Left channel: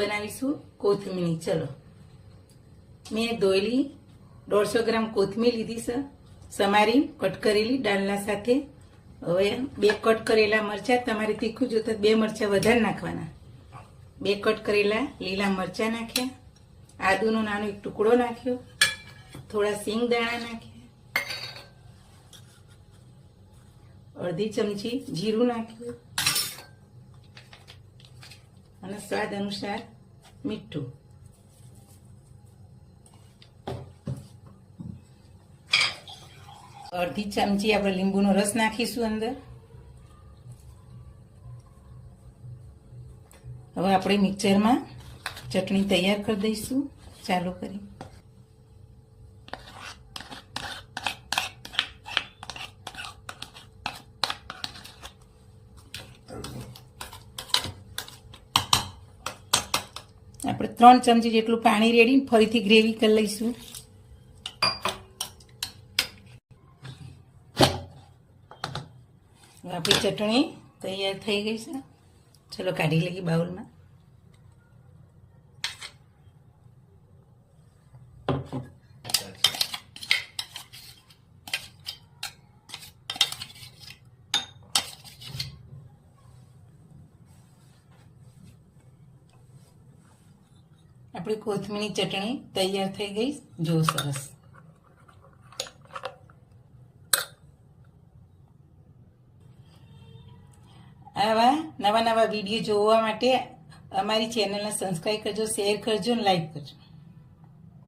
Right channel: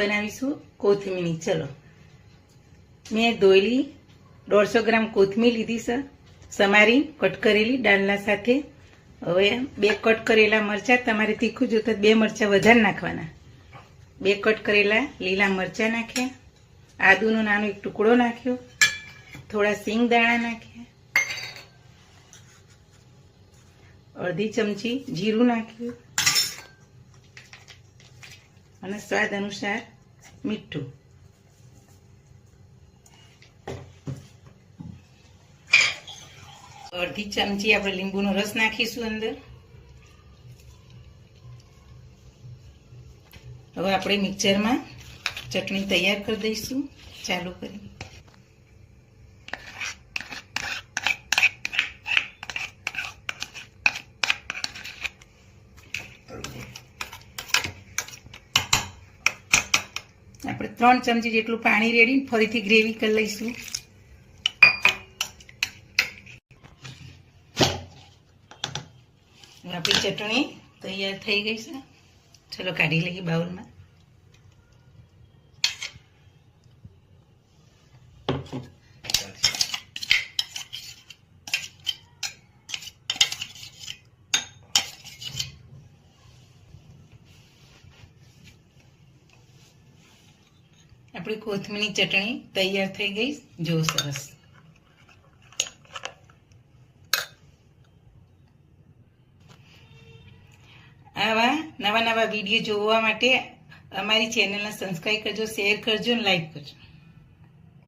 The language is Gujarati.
બનાવીશું કોથમીર. ચલો, મેં ધોયેલી 150 ગ્રામ કોથમીર લીધી છે, સમારી કટ કરેલી ડાલના સાથે. હવે 2 કટ કરેલા મરચાં, તમારે તીખું જોતા 2 મરચાં વધારે નાખવાના. 2 કટ કરેલા લીલા મરચાં નાખ્યા, આદુનો નાનો એક ટુકડો નાખ્યો, થોડા સિંગ દાણા નાખ્યા, અડધી ચમચી જીરું નાખ્યું અને સ્વાદ અનુસાર મીઠું. અડધી ચમચી આપણે લીંબુનો રસ નાખીશું અંદર. હવે આપણે મિક્સરમાં ચટણી તૈયાર કરી દઈશું. ચાલુ કરી આપણે 3 ચમચી જેટલું પાણી રેડી ફરીથી ગ્રેવી કરી લઈશું. આપણી ચટણી તૈયાર થઈ ગઈ છે. ચલો કાઢી લઈએ બાઉલમાં. આપણી કોથમીરની ચટણી તૈયાર થઈ ગઈ. જો સરસ. આવા નવા વિડીયો જોવા માટે અમારી ચેનલને સબસ્ક્રાઈબ કરજો, શેર કરજો અને લાઈક કરજો.